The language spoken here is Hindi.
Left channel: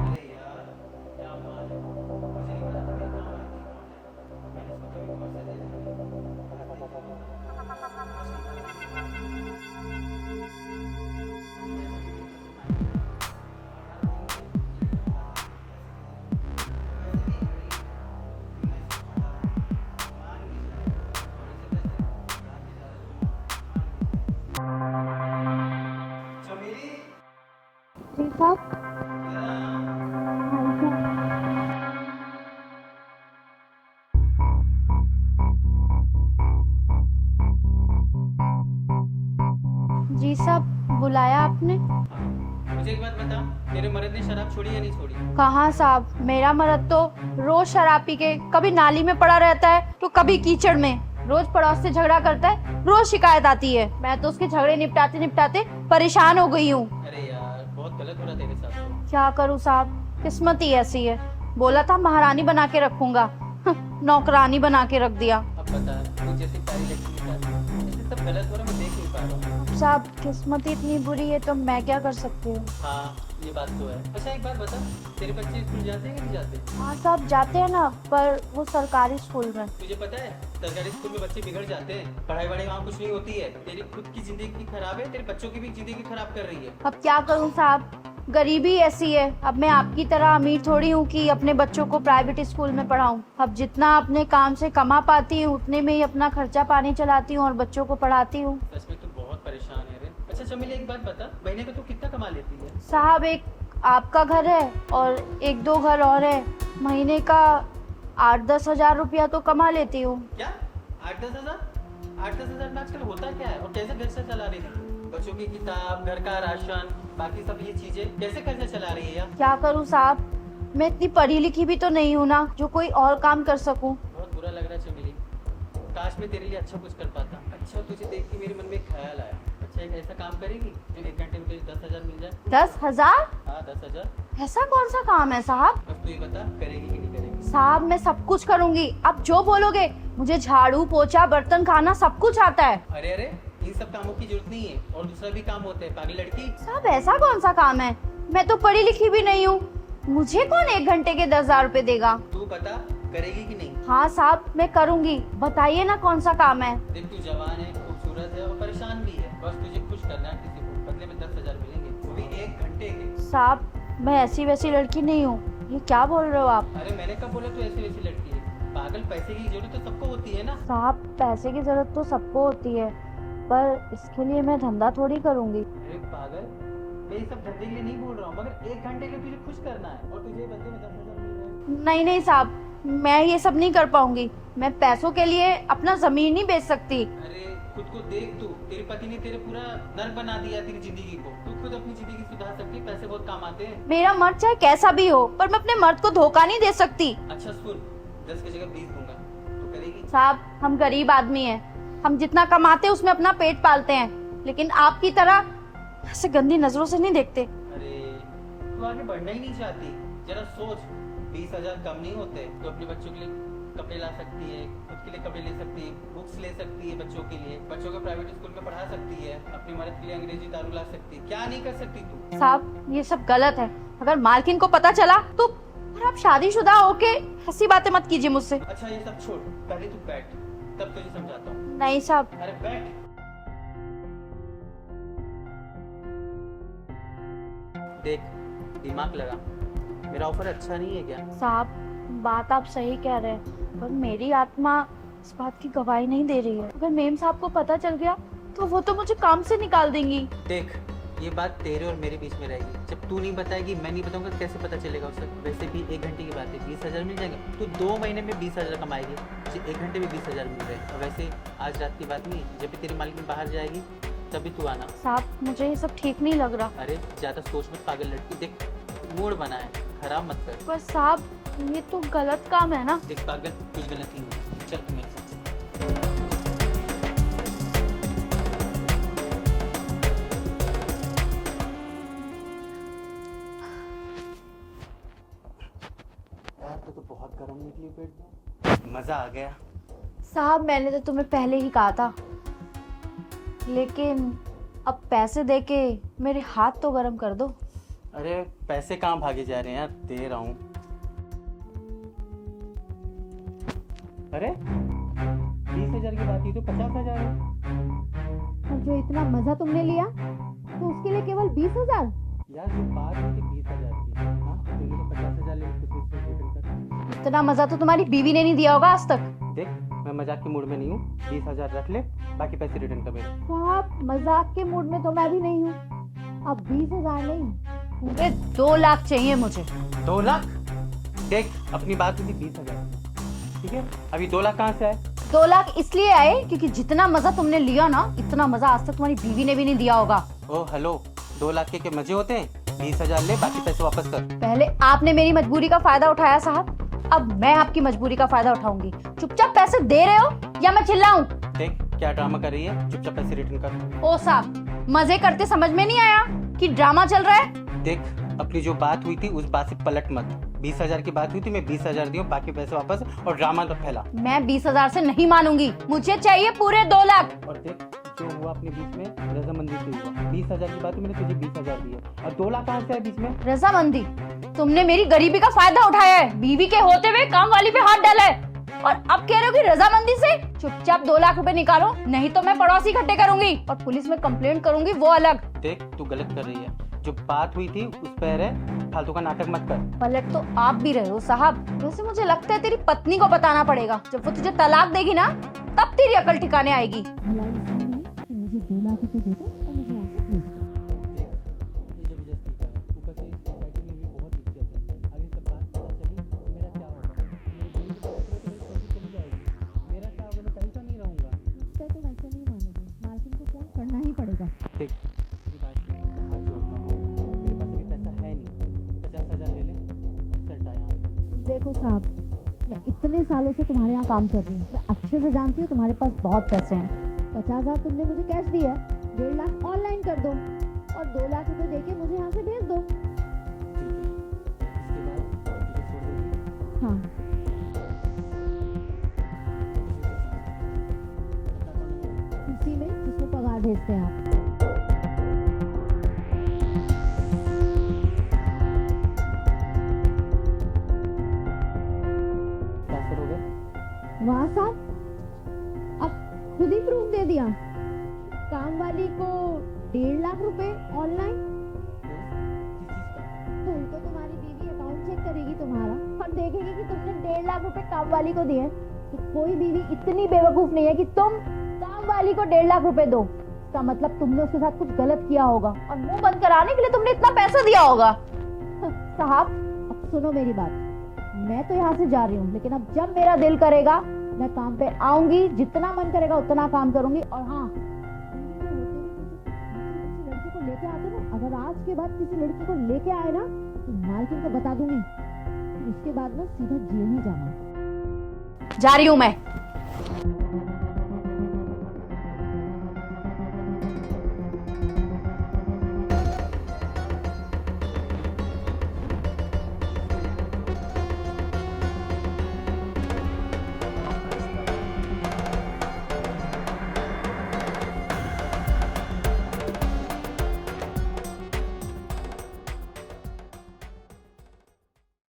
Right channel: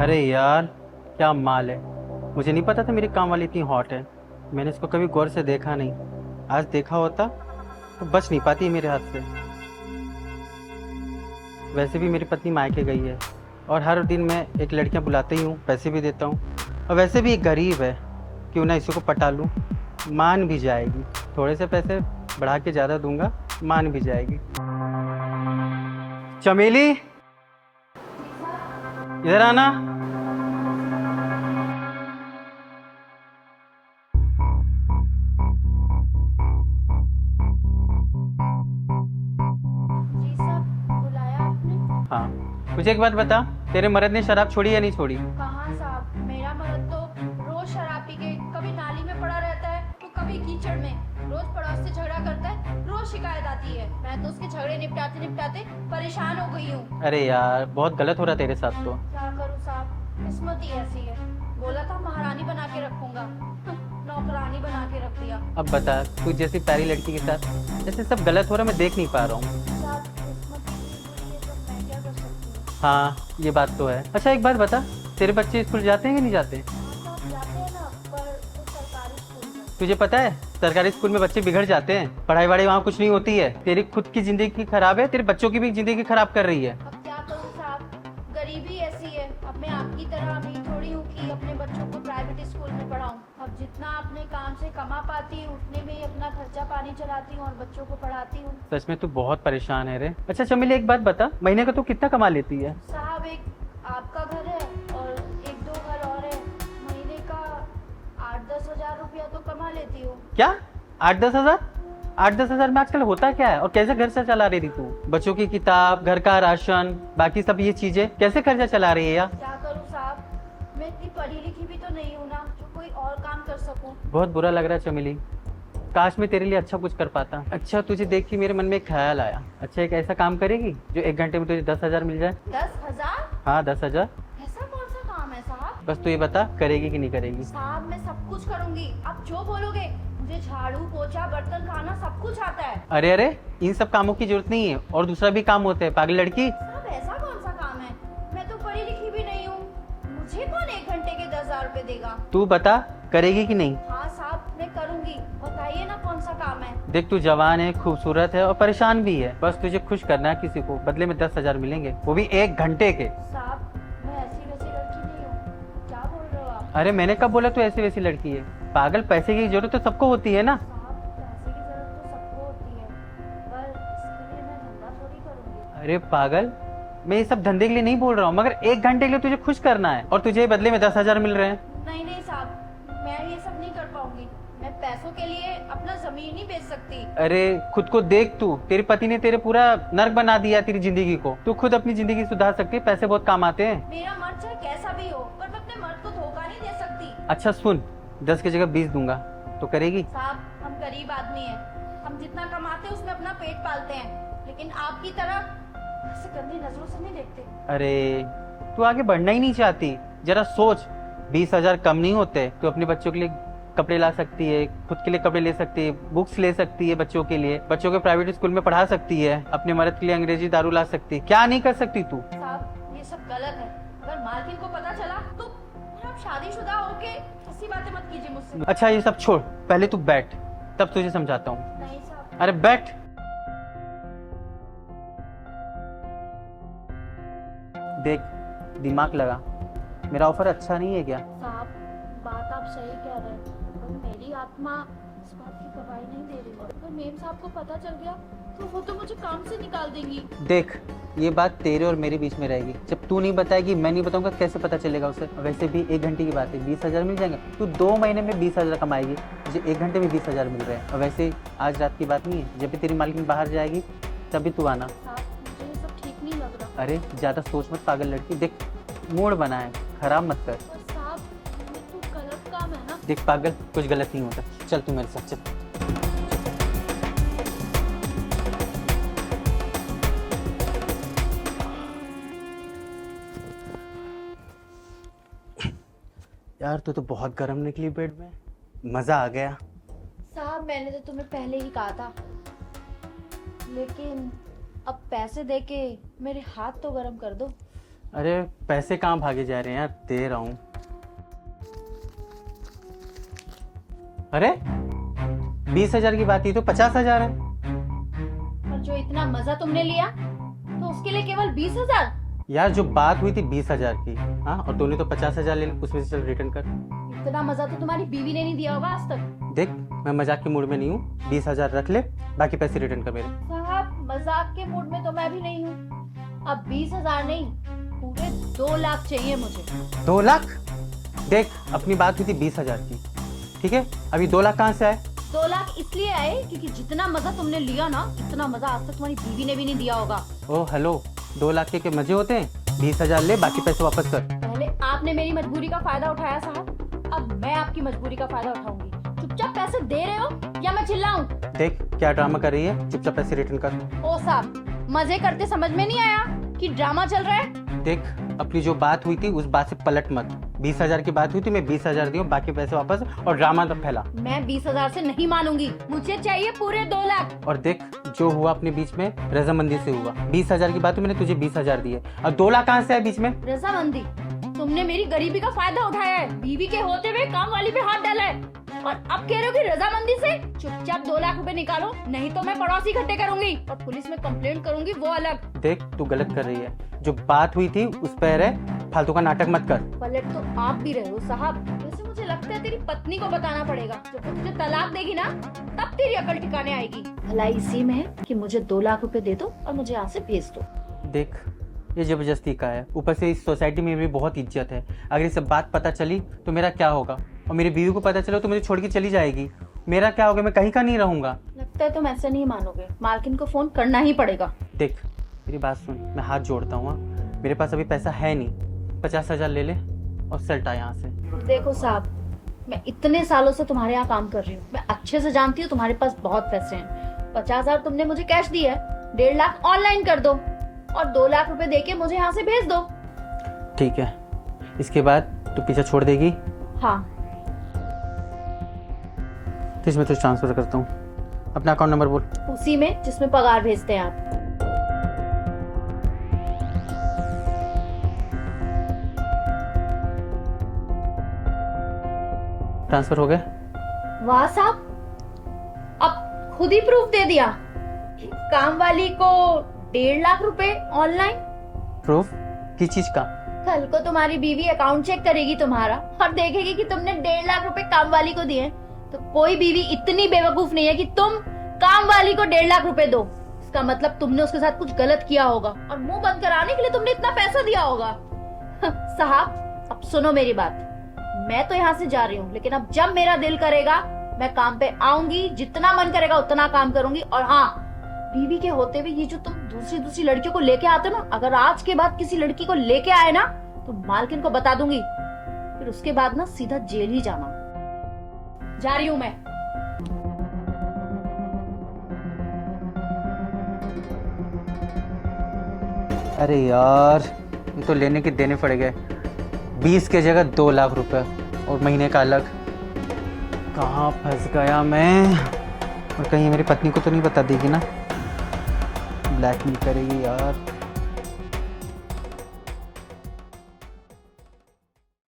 अरे यार, क्या माल है। मुझे नहीं पता था मेरी काम वाली इतनी हॉट है। मैंने इसको कभी गौर से देखा नहीं। आज देखा होता तो बच नहीं पाती है मेरे हाथ से। वैसे भी मेरी पत्नी मायके गई है और हर दिन मैं एक लड़कियां बुलाते ही हूँ, पैसे भी देता हूँ। और वैसे भी एक गरीब है, क्यों ना इसी को पटा लूँ। मान भी जाएगी। थोड़े से पैसे बढ़ा के ज़्यादा दूंगा, मान भी जाएगी। चमेली, इधर आना। जी साहब, बुलाया आपने? हाँ, मुझे एक बात बता, तेरे मर्द ने शराब छोड़ी या नहीं छोड़ी? कहाँ साहब, मेरा मर्द तो रोज शराब पी के कभी नाली में पड़ा रहता है तो कभी कीचड़ में। रोज पड़ोस से झगड़ा करता है, रोज शिकायत आती है। मैं तो उसके झगड़े निपटाते निपटाते परेशान हो गई हूँ। अरे यार, बहुत गलत हो रहा तेरे साथ तो। क्या करूँ साहब, किस्मत ही ऐसी है। बोला था महारानी बना के रखूंगा, नौकरानी बना के रख दिया। अब बता, तू जैसी प्यारी लड़की के साथ ऐसे सब गलत हो रहा, मैं देख नहीं पा रहा हूँ। साहब, किस्मत ही इतनी बुरी है तो मैं क्या कर सकती हूँ। हाँ, ये बात तो है। अच्छा एक बात बता, तेरे बच्चे स्कूल जाते हैं कि नहीं जाते? हाँ साहब, जाते हैं ना, पर वो सरकारी स्कूल में। तुझे पता है, सरकारी स्कूल में बच्चे बिगड़ जाते हैं। पढ़ाई वढ़ाई वहाँ कुछ नहीं होती है। तेरी खुद की जिंदगी खराब है, तेरे बच्चों की भी जिंदगी खराब कर रही है। अब क्या करूँ साहब, गरीबी ऐसी है। अब मैं आपकी तरह अमीर थोड़ी हूँ कि अपने बच्चों को प्राइवेट स्कूल में पढ़ाऊँ। अब जितना अपने काम से कमा पाती हूँ उतने में ही अपना खर्चा पानी चलाती हूँ और बच्चों को पढ़ाती हूँ। सच में तू बहुत परेशान है रे। अच्छा चमेली, एक बात बता, महीने का तू कितना कमा लेती है? साहब, एक आपका घर है और एक दो घर और है। महीने का 8-10 हजार रुपया तो कमा लेती हूँ। क्या 8-10 हजार? 8-10 हजार में आजकल होता क्या है? और कैसे घर से चला रही तू? बच्चों की किताब, घर का राशन, बाकी सब ये चीजें कैसे खर्चा चला रही है यार? क्या करूँ साहब, मैं इतनी पढ़ी लिखी भी तो नहीं हूँ ना जो कोई और काम कर सकूँ। बहुत बुरा लग रहा है चमेली। काश मैं तेरे लिए अच्छा कुछ कर पाता। अच्छा, तुझे देख के मेरे मन में एक ख्याल आया। अच्छा, एक ऐसा काम करेगी जो 1 घंटे में तुझे 10 हजार मिल जाए? 10 हजार? हाँ, 10 हजार। ऐसा कौन सा काम है साहब? बस तू ये बता, करेगी कि नहीं करेगी? साहब, मैं सब कुछ करूंगी, आप जो बोलोगे। मुझे झाड़ू पोछा बर्तन खाना सब कुछ आता है। अरे अरे, इन सब कामों की जरूरत नहीं है, और दूसरा भी काम होता है पागल लड़की। साहब, ऐसा कौन सा काम है? मैं तो पढ़ी लिखी भी नहीं हूँ। मुझे कौन 1 घंटे के 10 हजार रुपए देगा? तू बता, करेगी कि नहीं? हाँ साहब, मैं करूंगी। बताइए ना कौन सा काम है। देख, तू जवान है, खूबसूरत है और परेशान भी है। बस तुझे खुश करना है किसी को, बदले में 10 हजार मिलेंगे, वो भी 1 घंटे के। साहब, मैं ऐसी वैसी लड़की नहीं हूँ। ये क्या बोल रहे हो आप? अरे मैंने कब बोला तू ऐसी वैसी लड़की है? पागल, पैसे की जरूरत तो सबको होती है ना। साहब, पैसे की जरूरत तो सबको होती है, पर इसके लिए मैं धंधा थोड़ी करूंगी। अरे पागल, मैं ये सब धंधे के लिए नहीं बोल रहा हूँ, मगर 1 घंटे के लिए तुझे खुश करना है और तुझे बदले में 10 हजार मिल रहे हैं। नहीं नहीं साहब, मैं ये सब नहीं कर पाऊंगी। मैं पैसों के लिए अपना जमीन नहीं बेच सकती। अरे खुद को देख तू, तेरे पति ने तेरे पूरा नर्क बना दिया तेरी जिंदगी को। तू खुद अपनी जिंदगी सुधार सकती है, पैसे बहुत काम आते हैं। मेरा मर्द चाहे कैसा भी हो, पर मैं अपने मर्द को धोखा नहीं दे सकती। अच्छा सुन, 10 की जगह 20 दूंगा तो करेगी? साहब, हम गरीब आदमी हैं, हम जितना कमाते हैं उसमें अपना पेट पालते हैं, लेकिन आपकी तरह ऐसे गंदी नजरों से नहीं देखते। अरे तू आगे बढ़ना ही नहीं चाहती? जरा सोच, 20 हजार कम नहीं होते। तू अपने बच्चों के लिए कपड़े ला सकती है, खुद के लिए कपड़े ले सकती है, बुक्स ले सकती है बच्चों के लिए, बच्चों के प्राइवेट स्कूल में पढ़ा सकती है, अपने मर्द के लिए अंग्रेजी दारू ला सकती है। क्या नहीं कर सकती तू? साहब, ये सब गलत है। अगर मालकिन को पता चला तो फिर आप शादीशुदा होके ऐसी बातें मत कीजिए मुझसे। अच्छा ये सब छोड़, पहले तू बैठ, तब तुझे समझाता हूँ। नहीं साहब। अरे बैठ। देख, दिमाग लगा, मेरा ऑफर अच्छा नहीं है क्या? साहब, बात आप सही कह रहे हैं, पर मेरी आत्मा इस बात की गवाही नहीं दे रही है। अगर मेम साहब को पता चल गया तो वो तो मुझे काम से निकाल देंगी। देख, ये बात तेरे और मेरे बीच में रहेगी। जब तू नहीं बताएगी, मैं नहीं बताऊंगा, कैसे पता चलेगा उसे? वैसे भी 1 घंटे की बात है, 20 हजार मिल जाएंगे। तू 2 महीने में 20 हजार कमाएगी, तुझे 1 घंटे में 20 हजार मिल जाए। और वैसे आज रात की बात नहीं है, जब भी तेरी मालकिन बाहर जाएगी तभी तू आना। साहब, मुझे ये सब ठीक नहीं लग रहा। अरे ज्यादा सोच मत पागल लड़की। देख, मूड बना है, खराब मत कर। पर साहब, ये तो गलत काम है ना। देख पागल, कुछ गलत नहीं होता। चल तू मेरे साथ चल। यार तू तो बहुत गर्म निकली बेड में, मजा आ गया। साहब, मैंने तो तुम्हें पहले ही कहा था, लेकिन अब पैसे देके मेरे हाथ तो गरम कर दो। अरे पैसे कहाँ भागे जा रहे हैं यार, दे रहा हूँ। अरे 20,000 की बात थी तो 50,000 है। और जो इतना मजा तुमने लिया तो उसके लिए केवल 20,000? यार जो बात हुई थी 20,000 की, हाँ, और तूने तो 50,000 ले ली, उसमें से चल रिटर्न कर। इतना मजा तो तुम्हारी बीवी ने नहीं दिया होगा आज तक। देख मैं मजाक के मूड में नहीं हूँ, 20,000 रख ले, बाकी पैसे रिटर्न कर मेरे। साहब मजाक के मूड में तो मैं भी नहीं हूँ। अब 20,000 नहीं, पूरे 2 लाख चाहिए मुझे। 2 लाख? देख अपनी बात हुई थी 20,000 की, ठीक है, अभी 2 लाख कहाँ से आए? 2 लाख इसलिए आए क्योंकि जितना मजा तुमने लिया ना, इतना मजा आज तक तुम्हारी बीवी ने भी नहीं दिया होगा। ओ हेलो, 2 लाख के मजे होते हैं? 20,000 ले, बाकी पैसे वापस कर। पहले आपने मेरी मजबूरी का फायदा उठाया साहब, अब मैं आपकी मजबूरी का फायदा उठाऊंगी। चुपचाप पैसे दे रहे हो या मैं चिल्लाऊं? देख क्या ड्रामा कर रही है, चुपचाप पैसे रिटर्न कर। ओ साहब मजे करते समझ में नहीं आया कि ड्रामा चल रहा है? देख अपनी जो बात हुई थी उस बात से पलट मत। 20,000 की बात हुई थी, मैं 20,000 दियो, बाकी पैसे वापस, और ड्रामा तब फैला। मैं 20,000 से नहीं मानूंगी, मुझे चाहिए पूरे 2 लाख। और देख जो हुआ अपने बीच में रजामंदी से हुआ। 20,000 की बात हुई, मैंने तुझे 20,000 दिए, और 2 लाख कहाँ से है बीच में? रजामंदी? तुमने मेरी गरीबी का फायदा उठाया है, बीवी के होते हुए काम वाली पे हाथ डाला है, और अब कह रहे हो कि रजामंदी से? चुपचाप 2 लाख रुपए निकालो, नहीं तो मैं पड़ोसी इकट्ठे करूंगी और पुलिस में कंप्लेंट करूंगी, वो अलग। देख तू गलत कर रही है, जो बात हुई थी उस पर है, फालतू का नाटक मत कर। पलट तो आप भी रहे हो साहब। वैसे मुझे लगता है तेरी पत्नी को बताना पड़ेगा, जब वो तुझे तलाक देगी ना तब तेरी अकल ठिकाने आएगी। भलाई इसी में है कि मुझे 2 लाख रुपए दे दो और मुझे यहाँ से भेज दो। देख ये जबरदस्ती का है, ऊपर से इस सोसाइटी में भी बहुत इज्जत है, अगर ये सब बात पता चली तो मेरा क्या होगा, और मेरी बीवी को पता चला तो मुझे छोड़ के चली जाएगी, मेरा क्या होगा, मैं कहीं का नहीं रहूंगा। लगता है तुम ऐसे नहीं मानोगे, मालकिन को फोन करना ही पड़ेगा। देख मेरी बात सुन, मैं हाथ जोड़ता हूँ, मेरे पास अभी पैसा है नहीं, 50,000 ले ले और सल्टा यहाँ से। देखो साहब, मैं इतने सालों से तुम्हारे यहाँ काम कर रही हूँ, मैं अच्छे से जानती हूँ तुम्हारे पास बहुत पैसे हैं। 50,000 तुमने मुझे कैश दिया है, 1.5 लाख ऑनलाइन कर दो और 2 लाख रुपए देके मुझे यहाँ से भेज दो। ठीक है, इसके बाद तू पीछे छोड़ देगी? हाँ। तो इसमें तुझे ट्रांसफर करता हूँ, अपना अकाउंट नंबर बोल। उसी में जिसमें पगार भेजते हैं आप। ट्रांसफर हो गया? वाह साहब, अब खुद ही प्रूफ दे दिया। काम वाली को 1.5 लाख रुपए ऑनलाइन। प्रूफ किस चीज का? कल को तुम्हारी बीवी अकाउंट चेक करेगी तुम्हारा और देखेगी कि तुमने 1.5 लाख रुपए काम वाली को दिए, तो कोई बीवी इतनी बेवकूफ नहीं है कि तुम काम वाली को 1.5 लाख रुपए दो। इसका मतलब तुमने उसके साथ कुछ गलत किया होगा और मुंह बंद कराने के लिए तुमने इतना पैसा दिया होगा। साहब अब सुनो मेरी बात, मैं तो यहाँ से जा रही हूँ, लेकिन अब जब मेरा दिल करेगा मैं काम पे आऊंगी, जितना मन करेगा उतना काम करूंगी। और हाँ, बीवी के होते हुए ये जो तुम दूसरी लड़कियों को लेके आते हो ना, अगर आज के बाद किसी लड़की को लेके आए ना तो मालकिन को बता दूंगी, फिर उसके बाद ना सीधा जेल ही जाना। जा रही हूँ मैं। अरे यार ये तो लेने के देने पड़ गए, 20 के जगह 2 लाख रुपए और महीने का अलग। कहाँ फंस गया मैं? और कहीं मेरी पत्नी को तो नहीं बता देगी ना, ब्लैकमेल करेगी यार।